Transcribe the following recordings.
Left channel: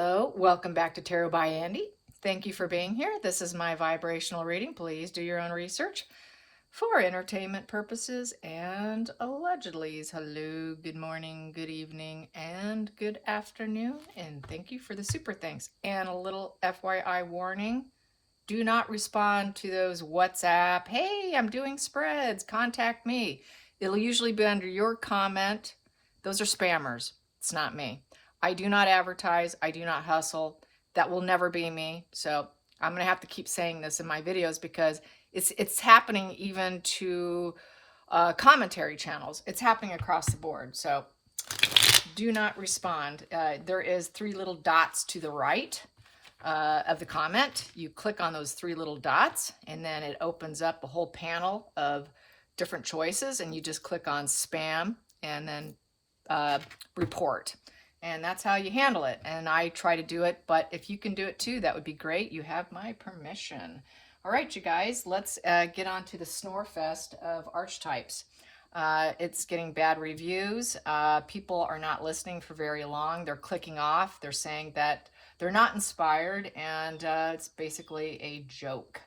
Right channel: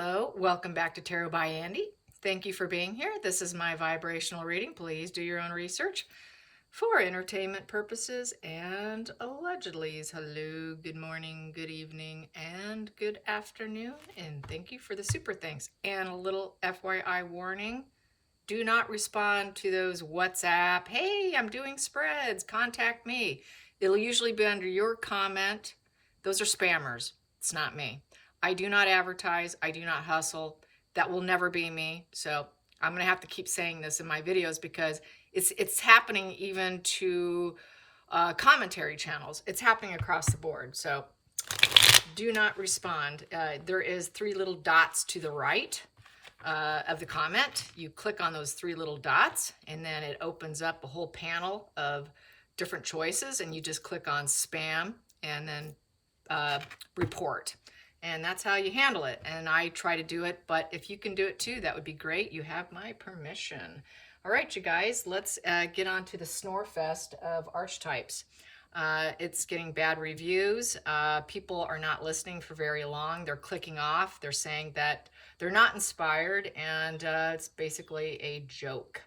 Hello, welcome back to Tarot by Andy. Thank you for being here. This is my vibrational reading. Please do your own research for entertainment purposes and allegedly. Hello, good morning, good evening, and good afternoon. And thank you for the super thanks. And a little FYI warning, do not respond to those WhatsApp, hey, I'm doing spreads, contact me. It'll usually be under your comment. Those are spammers. It's not me. I do not advertise. I do not hustle. That will never be me. So I'm going to have to keep saying this in my videos because it's happening even to commentary channels. It's happening across the board. So do not respond. There is 3 little dots to the right of the comment. You click on those 3 little dots and then it opens up a whole panel of different choices, and you just click on spam and then report. And that's how you handle it. And I try to do it, but if you can do it too, that would be great. You have my permission. All right, you guys, let's get on to the Snore Fest of Archetypes. It's getting bad reviews. People are not listening for very long. They're clicking off. They're saying that they're not inspired, and it's basically a joke.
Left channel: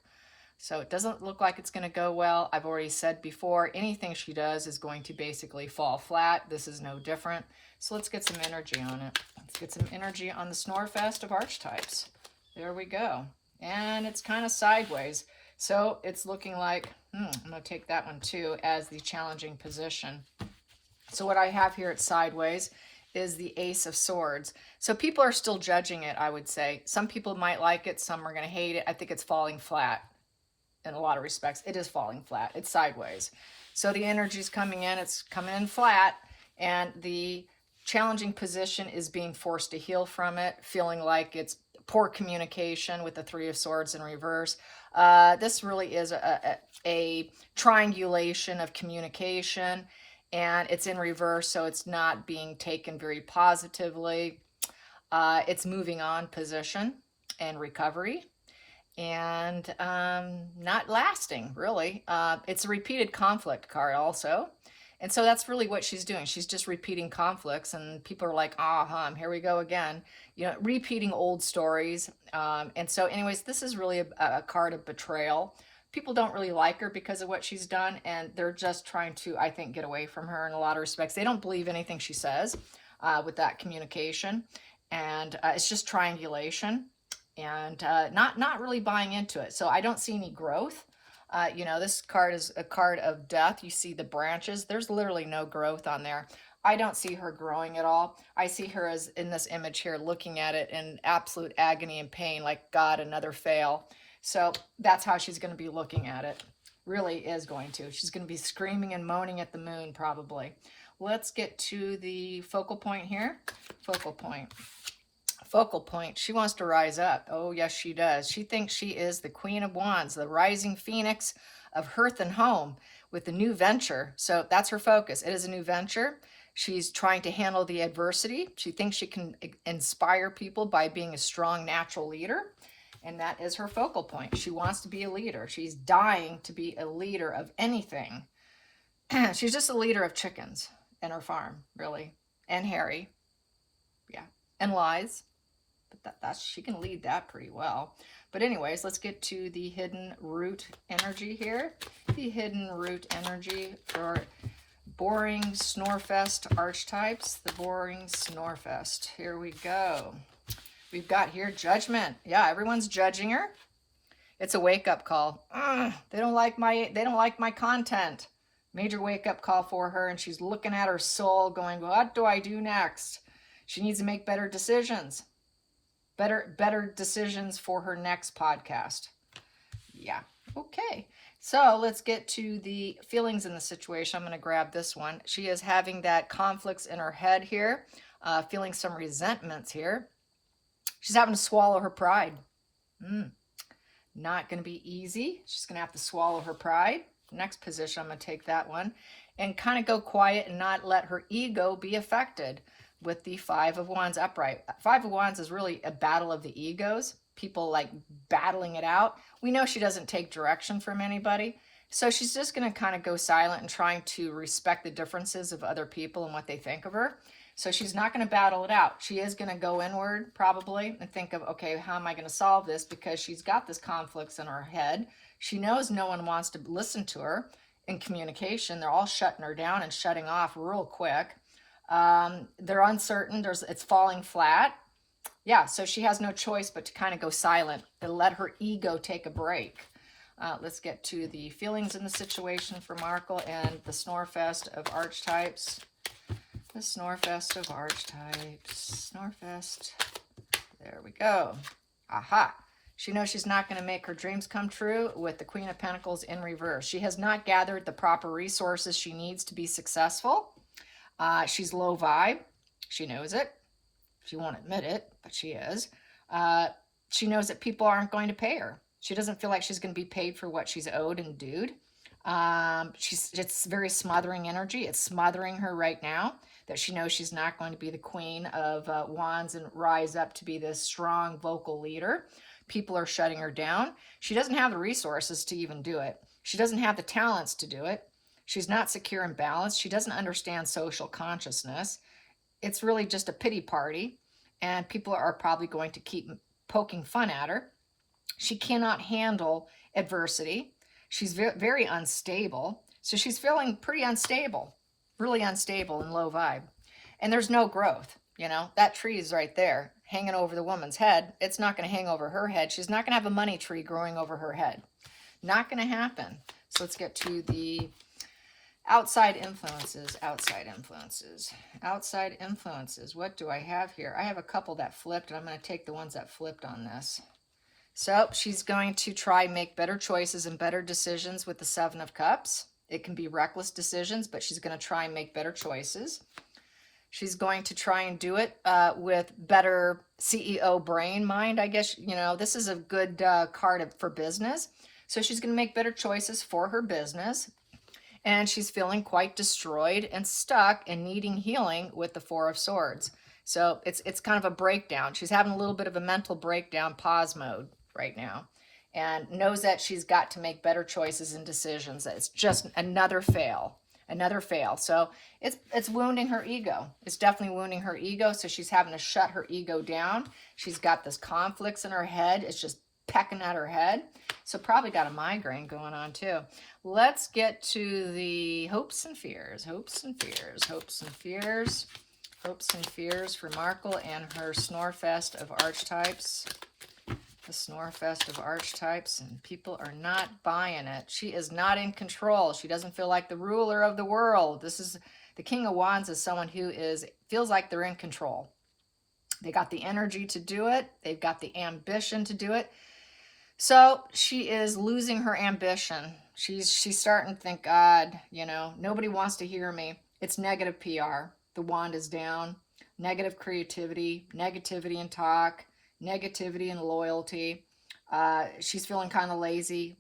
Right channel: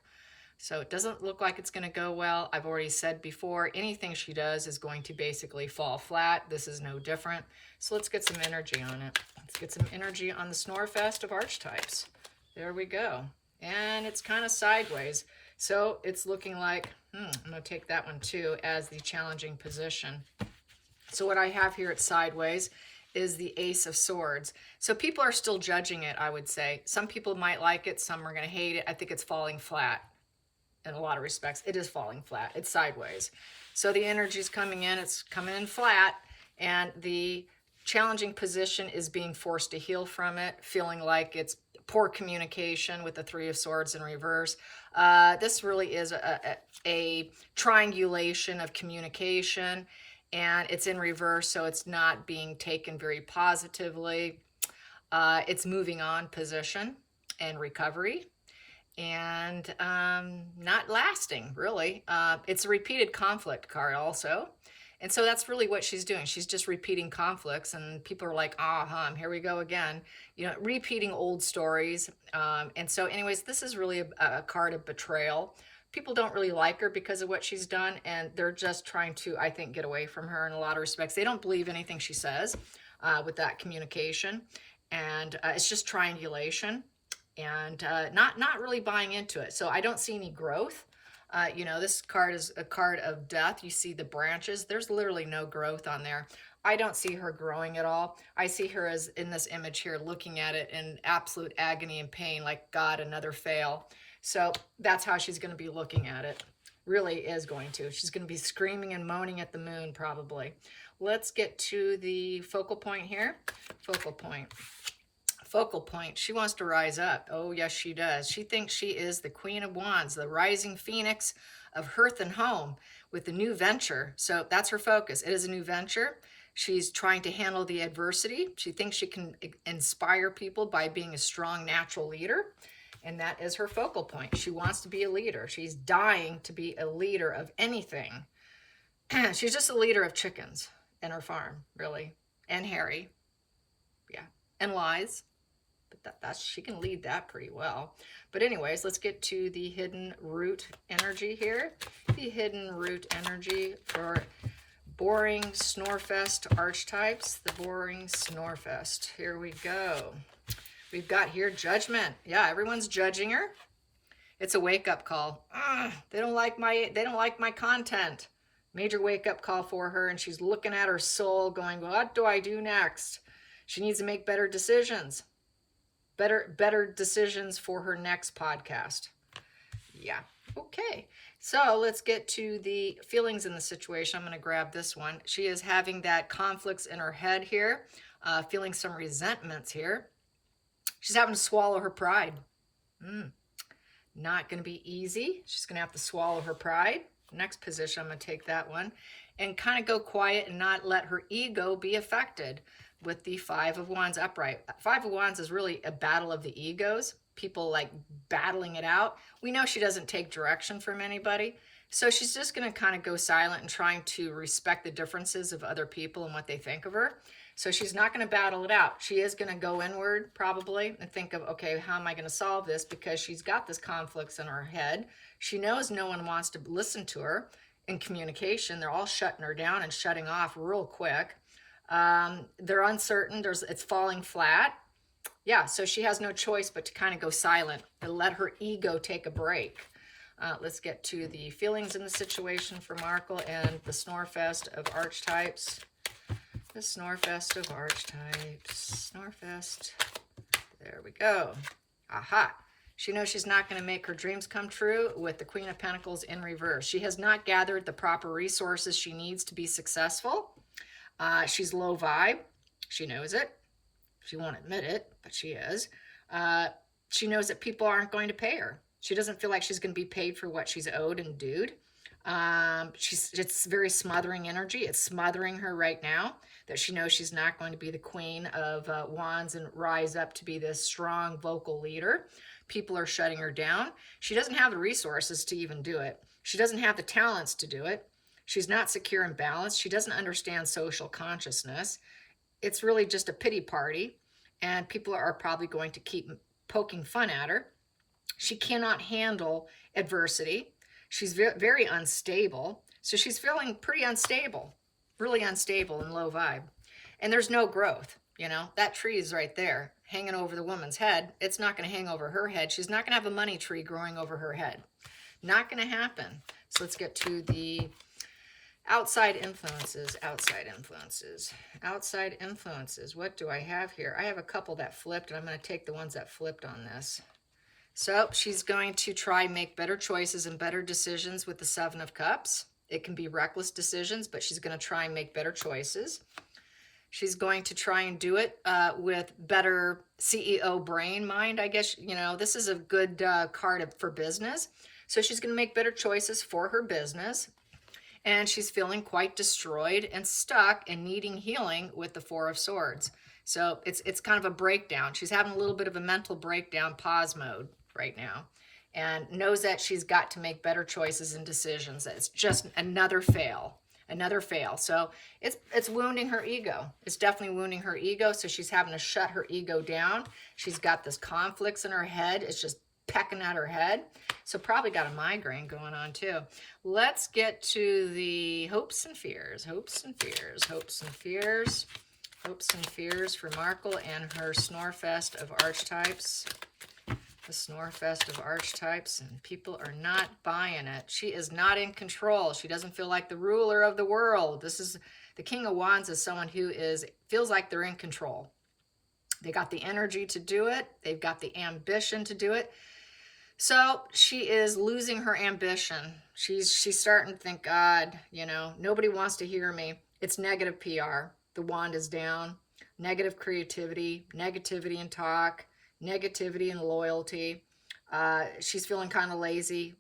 So it doesn't look like it's going to go well. I've already said before, anything she does is going to basically fall flat. This is no different. So let's get some energy on it. Let's get some energy on the Snore Fest of Archetypes. There we go. And it's kind of sideways. So it's looking like, I'm going to take that one too as the challenging position. So what I have here at sideways is the Ace of Swords. So people are still judging it, I would say. Some people might like it. Some are going to hate it. I think it's falling flat. In a lot of respects, it is falling flat. It's sideways. So the energy is coming in. It's coming in flat. And the challenging position is being forced to heal from it, feeling like it's poor communication with the 3 of Swords in reverse. This really is a triangulation of communication, and it's in reverse, so it's not being taken very positively. It's moving on position and recovery. And not lasting, really. It's a repeated conflict card also. And so that's really what she's doing. She's just repeating conflicts, and people are like, here we go again. You know, repeating old stories. And so anyways, this is really a card of betrayal. People don't really like her because of what she's done, and they're just trying to, I think, get away from her in a lot of respects. They don't believe anything she says with that communication. And it's just triangulation. And not really buying into it. So I don't see any growth. You know, this card is a card of death. You see the branches. There's literally no growth on there. I don't see her growing at all. I see her as in this image here, looking at it in absolute agony and pain, like, God, another fail. So that's how she's going to be looking at it. Really is going to. She's going to be screaming and moaning at the moon, probably. Let's get to the focal point here. Focal point. Focal point. She wants to rise up. Oh, yes, she does. She thinks she is the Queen of Wands, the rising phoenix of hearth and home with a new venture. So that's her focus. It is a new venture. She's trying to handle the adversity. She thinks she can inspire people by being a strong natural leader. And that is her focal point. She wants to be a leader. She's dying to be a leader of anything. She's just a leader of chickens and her farm, really. And Harry. Yeah. And lies. But she can lead that pretty well. But anyways, let's get to the hidden root energy here. The hidden root energy for boring Snorefest archetypes. The boring Snorefest. Here we go. We've got here judgment. Yeah, everyone's judging her. It's a wake-up call. They don't like my content. Major wake-up call for her, and she's looking at her soul going, what do I do next? She needs to make better decisions. Better decisions for her next podcast. Yeah. Okay. So let's get to the feelings in the situation. I'm going to grab this one. She is having that conflicts in her head here, feeling some resentments here. She's having to swallow her pride. Not going to be easy. She's going to have to swallow her pride. Next position, I'm going to take that one and kind of go quiet and not let her ego be affected. With the 5 of Wands upright. 5 of Wands is really a battle of the egos. People like battling it out. We know she doesn't take direction from anybody. So she's just going to kind of go silent and trying to respect the differences of other people and what they think of her. So she's not going to battle it out. She is going to go inward probably and think of, okay, how am I going to solve this? Because she's got this conflicts in her head. She knows no one wants to listen to her in communication. They're all shutting her down and shutting off real quick. They're uncertain. It's falling flat. Yeah, so she has no choice but to kind of go silent and let her ego take a break. Let's get to the feelings in the situation for Markle and the Snorefest of Archetypes. The Snorefest of Archetypes. Snorefest. There we go. Aha. She knows she's not going to make her dreams come true with the Queen of Pentacles in reverse. She has not gathered the proper resources she needs to be successful. She's low vibe. She knows it. She won't admit it, but she is. She knows that people aren't going to pay her. She doesn't feel like she's going to be paid for what she's owed and dued. It's very smothering energy. It's smothering her right now, that she knows she's not going to be the Queen of Wands and rise up to be this strong vocal leader. People are shutting her down. She doesn't have the resources to even do it. She doesn't have the talents to do it. She's not secure and balanced. She doesn't understand social consciousness. It's really just a pity party, and people are probably going to keep poking fun at her. She cannot handle adversity. She's very, very unstable. So she's feeling pretty unstable, really unstable and low vibe. And there's no growth. You know, that tree is right there hanging over the woman's head. It's not going to hang over her head. She's not going to have a money tree growing over her head. Not going to happen. So let's get to the outside influences. Outside influences. Outside influences. What do I have here? I have a couple that flipped, and I'm going to take the ones that flipped on this. So she's going to try and make better choices and better decisions with the Seven of Cups. It can be reckless decisions, but she's going to try and make better choices. She's going to try and do it with better CEO brain mind, I guess. You know, this is a good card for business. So she's going to make better choices for her business. And she's feeling quite destroyed and stuck and needing healing with the Four of Swords. So it's kind of a breakdown. She's having a little bit of a mental breakdown, pause mode right now. And knows that she's got to make better choices and decisions. It's just another fail. Another fail. So it's wounding her ego. It's definitely wounding her ego. So she's having to shut her ego down. She's got this conflicts in her head. It's just pecking at her head. So probably got a migraine going on too. Let's get to the hopes and fears. Hopes and fears. Hopes and fears. Hopes and fears for Markle and her Snorefest of Archetypes. The Snorefest of Archetypes, and people are not buying it. She is not in control. She doesn't feel like the ruler of the world. This is the King of Wands is someone who feels like they're in control. They got the energy to do it. They've got the ambition to do it. So she is losing her ambition. She's starting to think, God, you know, nobody wants to hear me. It's negative PR. The wand is down. Negative creativity, negativity in talk, negativity and loyalty. She's feeling kind of lazy.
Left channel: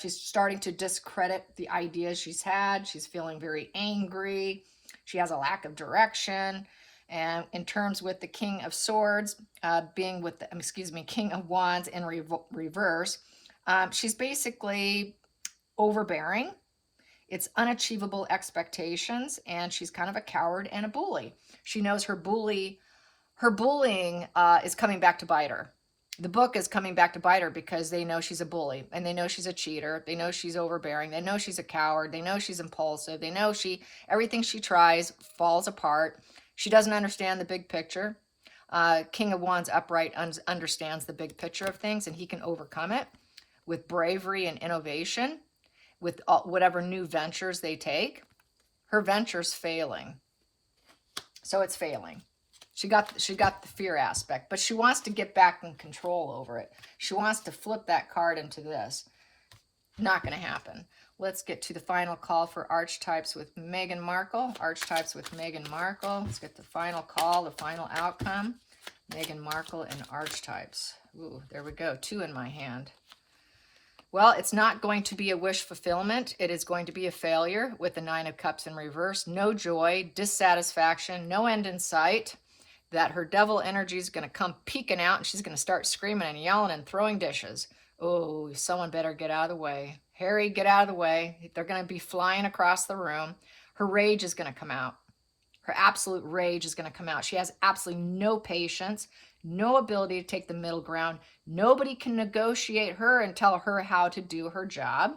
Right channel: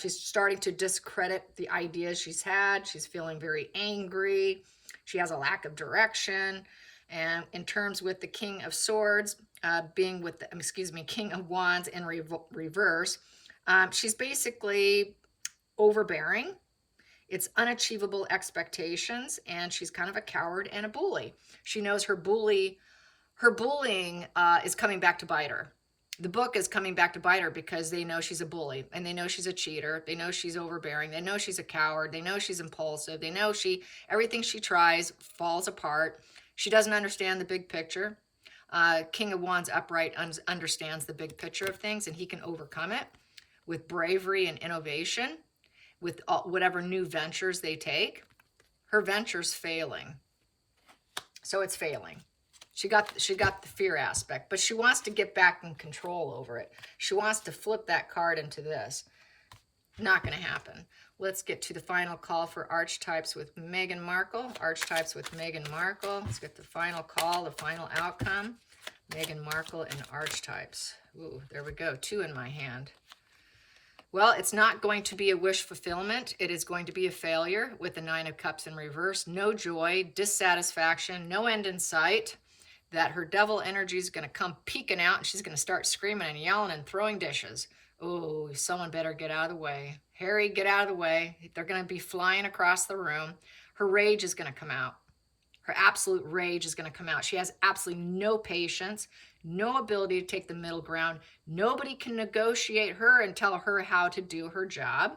She's starting to discredit the ideas she's had. She's feeling very angry. She has a lack of direction. And in terms with the King of Swords, being with the, King of Wands in reverse, she's basically overbearing. It's unachievable expectations, and she's kind of a coward and a bully. She knows her bullying is coming back to bite her. The book is coming back to bite her because they know she's a bully, and they know she's a cheater. They know she's overbearing. They know she's a coward. They know she's impulsive. They know everything she tries falls apart. She doesn't understand the big picture. King of Wands upright understands the big picture of things, and he can overcome it with bravery and innovation, with whatever new ventures they take. Her venture's failing. So it's failing. She got the fear aspect, but she wants to get back in control over it. She wants to flip that card into this. Not going to happen. Let's get to the final call for Archetypes with Meghan Markle. Archetypes with Meghan Markle. Let's get the final call, the final outcome. Meghan Markle and Archetypes. Ooh, there we go. 2 in my hand. Well, it's not going to be a wish fulfillment. It is going to be a failure with the 9 of Cups in reverse. No joy, dissatisfaction, no end in sight. That her devil energy is going to come peeking out, and she's going to start screaming and yelling and throwing dishes. Oh, someone better get out of the way. Harry, get out of the way. They're going to be flying across the room. Her rage is going to come out. Her absolute rage is going to come out. She has absolutely no patience, no ability to take the middle ground. Nobody can negotiate her and tell her how to do her job.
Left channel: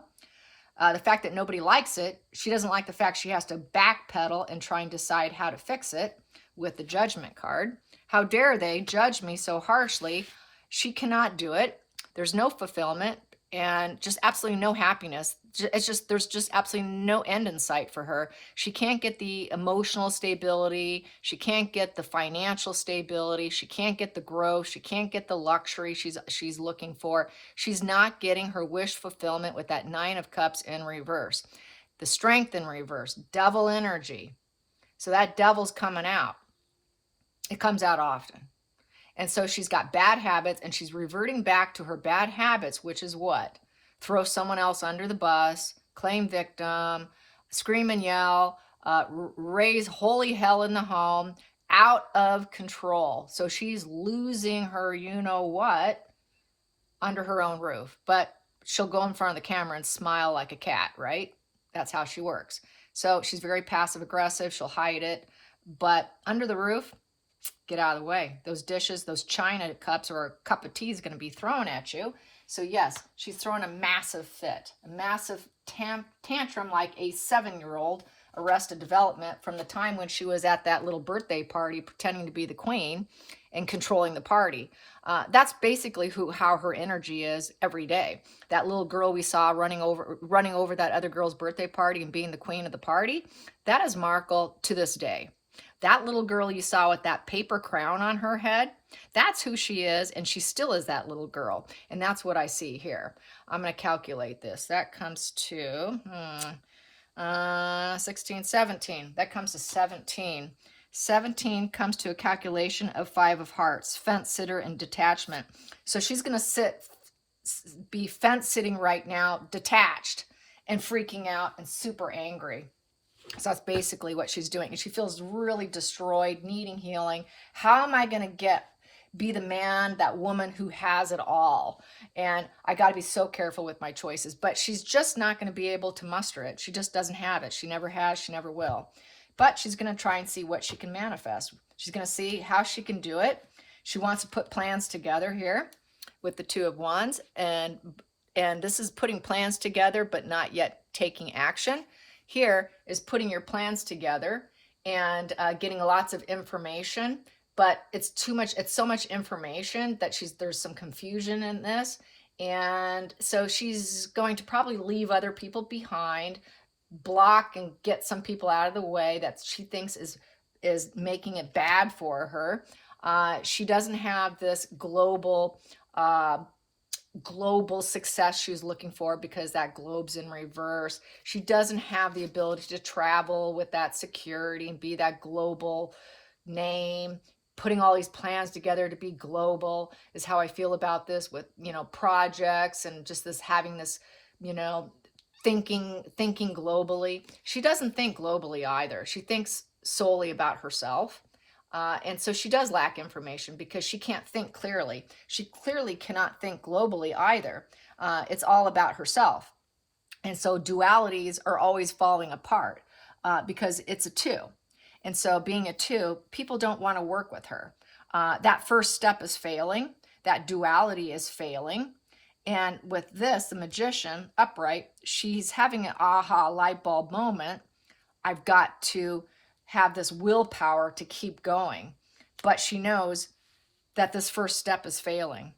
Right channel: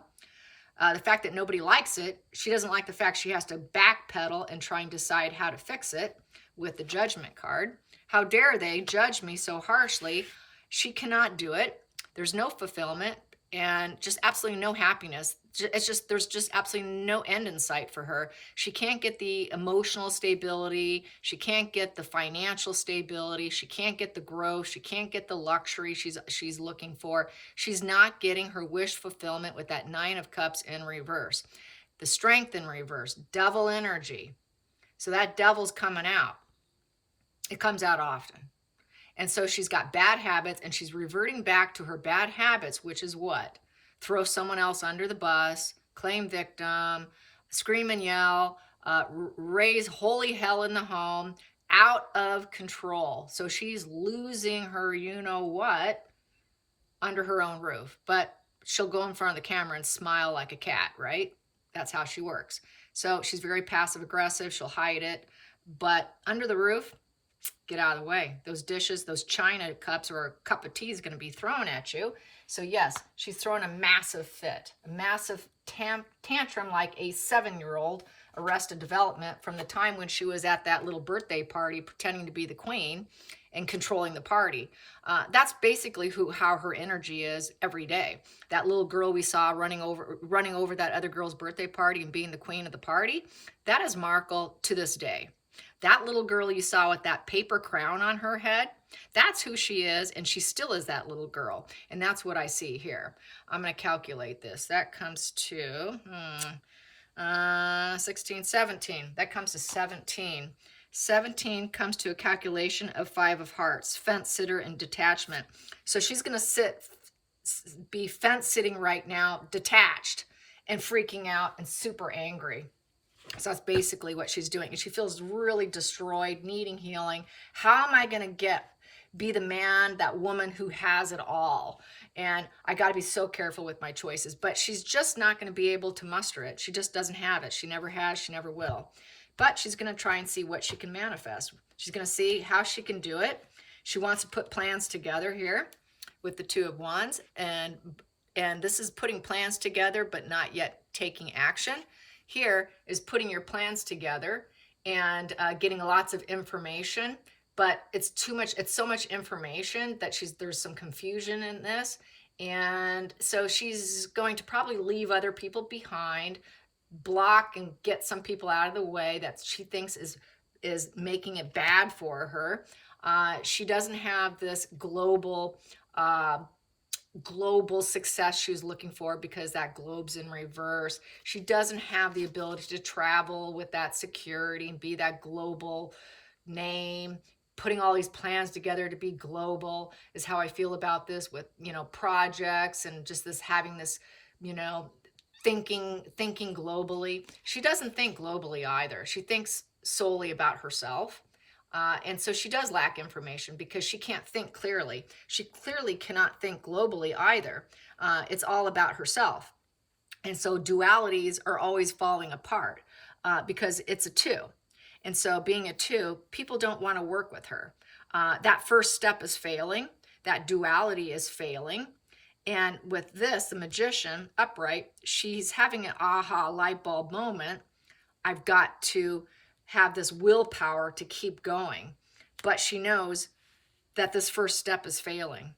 The fact that nobody likes it, she doesn't like the fact she has to backpedal and try and decide how to fix it with the judgment card. How dare they judge me so harshly? She cannot do it. There's no fulfillment and just absolutely no happiness. There's just absolutely no end in sight for her. She can't get the emotional stability. She can't get the financial stability. She can't get the growth. She can't get the luxury she's looking for. She's not getting her wish fulfillment with that 9 of Cups in reverse. The Strength in reverse, devil energy. So that devil's coming out. It comes out often. And so she's got bad habits, and she's reverting back to her bad habits, which is what? Throw someone else under the bus, claim victim, scream and yell, raise holy hell in the home, out of control. So she's losing her you-know-what under her own roof. But she'll go in front of the camera and smile like a cat, right? That's how she works. So she's very passive-aggressive. She'll hide it. But under the roof, get out of the way. Those dishes, those china cups, or a cup of tea is going to be thrown at you. So yes, she's throwing a massive fit, a massive tantrum like a 7-year-old Arrested Development from the time when she was at that little birthday party pretending to be the queen and controlling the party. That's basically how her energy is every day. That little girl we saw running over that other girl's birthday party and being the queen of the party, that is Markle to this day. That little girl you saw with that paper crown on her head, that's who she is, and she still is that little girl. And that's what I see here. I'm going to calculate this. That comes to 16, 17. That comes to 17. 17 comes to a calculation of 5 of Hearts, fence sitter and detachment. So she's going to be fence sitting right now, detached and freaking out and super angry. So that's basically what she's doing. And she feels really destroyed, needing healing. How am I going to be the man, that woman who has it all? And I got to be so careful with my choices. But she's just not going to be able to muster it. She just doesn't have it. She never has. She never will. But she's going to try and see what she can manifest. She's going to see how she can do it. She wants to put plans together here with the 2 of Wands. And this is putting plans together, but not yet taking action. Here is putting your plans together and getting lots of information, but it's too much. It's so much information that there's some confusion in this. And so she's going to probably leave other people behind, block and get some people out of the way that she thinks is making it bad for her. She doesn't have this global success she's looking for because that globe's in reverse. She doesn't have the ability to travel with that security and be that global name. Putting all these plans together to be global is how I feel about this with, projects and just having this, thinking globally. She doesn't think globally either. She thinks solely about herself. And so she does lack information because she can't think clearly. She clearly cannot think globally either. It's all about herself. And so dualities are always falling apart because it's a 2. And so being a 2, people don't want to work with her. That first step is failing. That duality is failing. And with this, the Magician, upright, she's having an aha light bulb moment. I've got to have this willpower to keep going. But she knows that this first step is failing.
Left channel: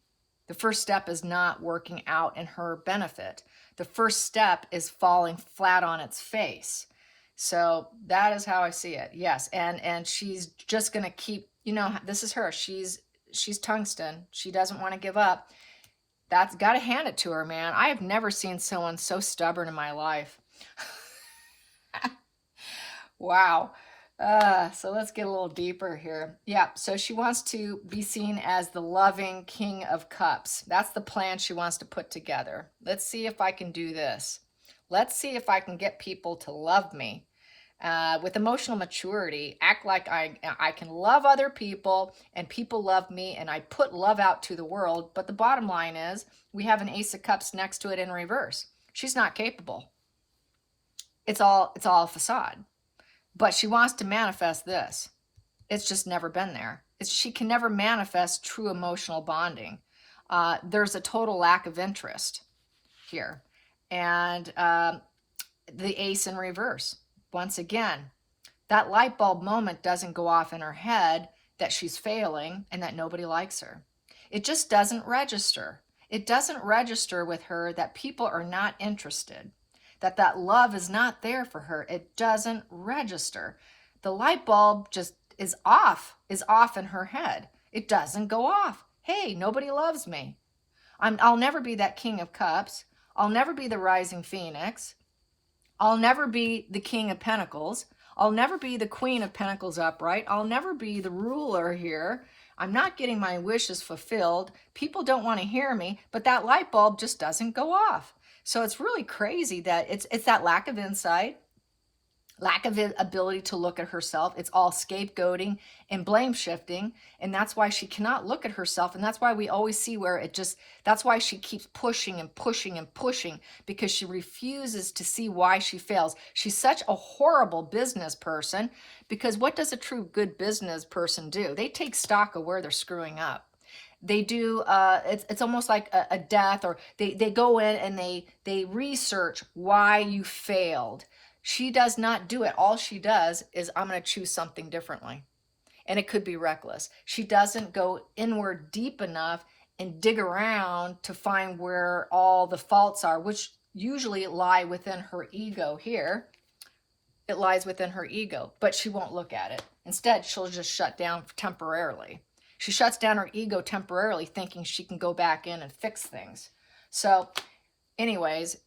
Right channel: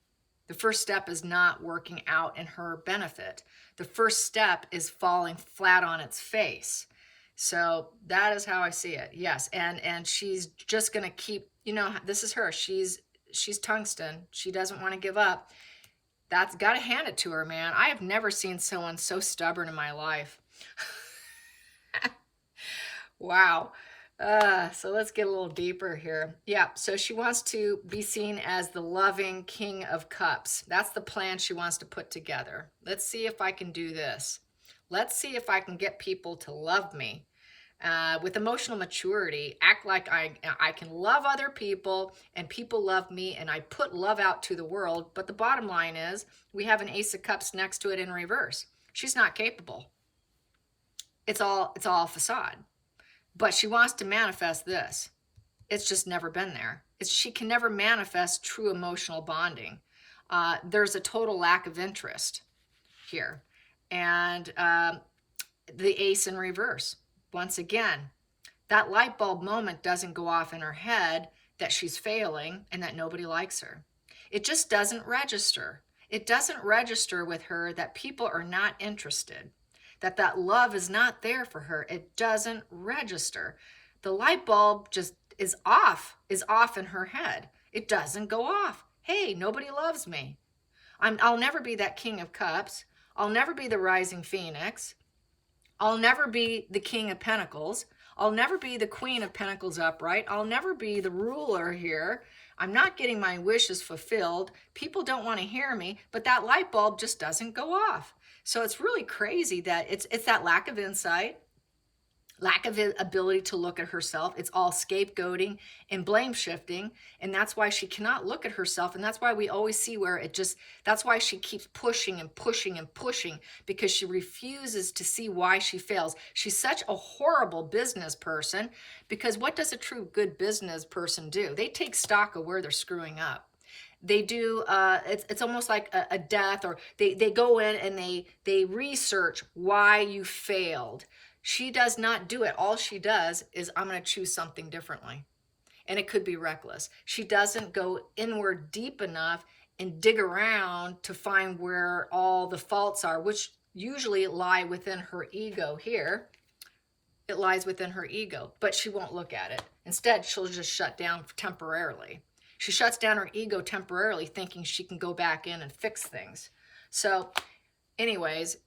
The first step is not working out in her benefit. The first step is falling flat on its face. So that is how I see it. Yes, and she's just going to keep, this is her. She's tungsten. She doesn't want to give up. That's got to hand it to her, man. I have never seen someone so stubborn in my life. Wow. So let's get a little deeper here. Yeah, so she wants to be seen as the loving King of Cups. That's the plan she wants to put together. Let's see if I can do this. Let's see if I can get people to love me. With emotional maturity, act like I can love other people and people love me and I put love out to the world. But the bottom line is we have an Ace of Cups next to it in reverse. She's not capable. It's all facade. but she wants to manifest this. It's just never been there. She can never manifest true emotional bonding. There's a total lack of interest here. And the ace in reverse. Once again, that light bulb moment doesn't go off in her head that she's failing and that nobody likes her. It just doesn't register. It doesn't register with her that people are not interested, that love is not there for her. It doesn't register. The light bulb just is off in her head. It doesn't go off. Hey, nobody loves me. I'll never be that King of Cups. I'll never be the Rising Phoenix. I'll never be the King of Pentacles. I'll never be the Queen of Pentacles upright. I'll never be the ruler here. I'm not getting my wishes fulfilled. People don't want to hear me, but that light bulb just doesn't go off. So it's really crazy that it's that lack of insight, lack of ability to look at herself. It's all scapegoating and blame shifting. And that's why she cannot look at herself. And that's why we always see where that's why she keeps pushing and pushing and pushing, because she refuses to see why she fails. She's such a horrible business person, because what does a true good business person do? They take stock of where they're screwing up. They do, it's almost like a death, or they go in and they research why you failed. She does not do it. All she does is, I'm going to choose something differently. And it could be reckless. She doesn't go inward deep enough and dig around to find where all the faults are, which usually lie within her ego here. It lies within her ego, but she won't look at it. Instead, she'll just shut down temporarily. She shuts down her ego temporarily, thinking she can go back in and fix things. So anyways,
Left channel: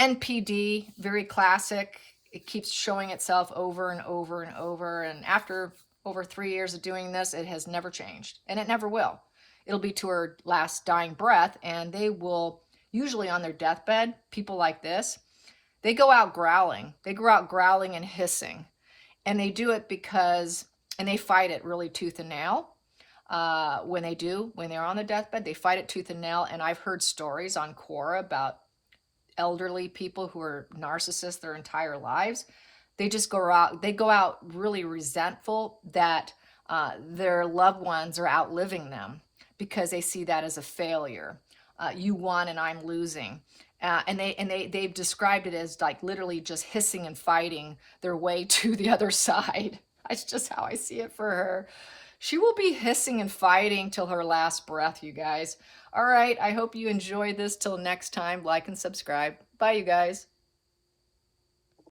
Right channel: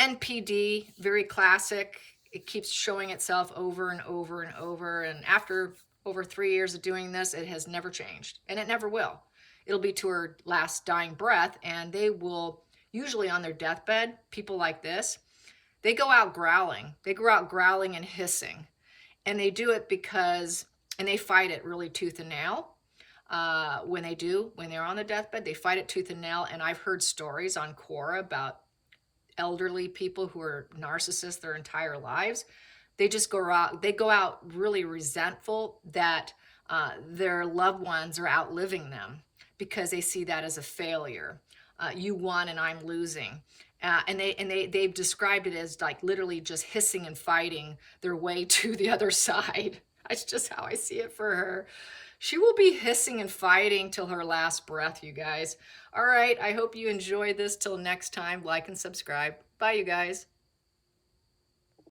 NPD, very classic. It keeps showing itself over and over and over. And after over 3 years of doing this, it has never changed. And it never will. It'll be to her last dying breath. And they will, usually on their deathbed, people like this, they go out growling. They go out growling and hissing. And they do it because, and they fight it really tooth and nail. When they're on their deathbed, they fight it tooth and nail. And I've heard stories on Quora about elderly people who are narcissists their entire lives. They just go out really resentful that their loved ones are outliving them, because they see that as a failure. You won and I'm losing. And they've described it as like literally just hissing and fighting their way to the other side. That's just how I see it for her. She will be hissing and fighting till her last breath, you guys. All right, I hope you enjoyed this. Till next time, like and subscribe. Bye, you guys.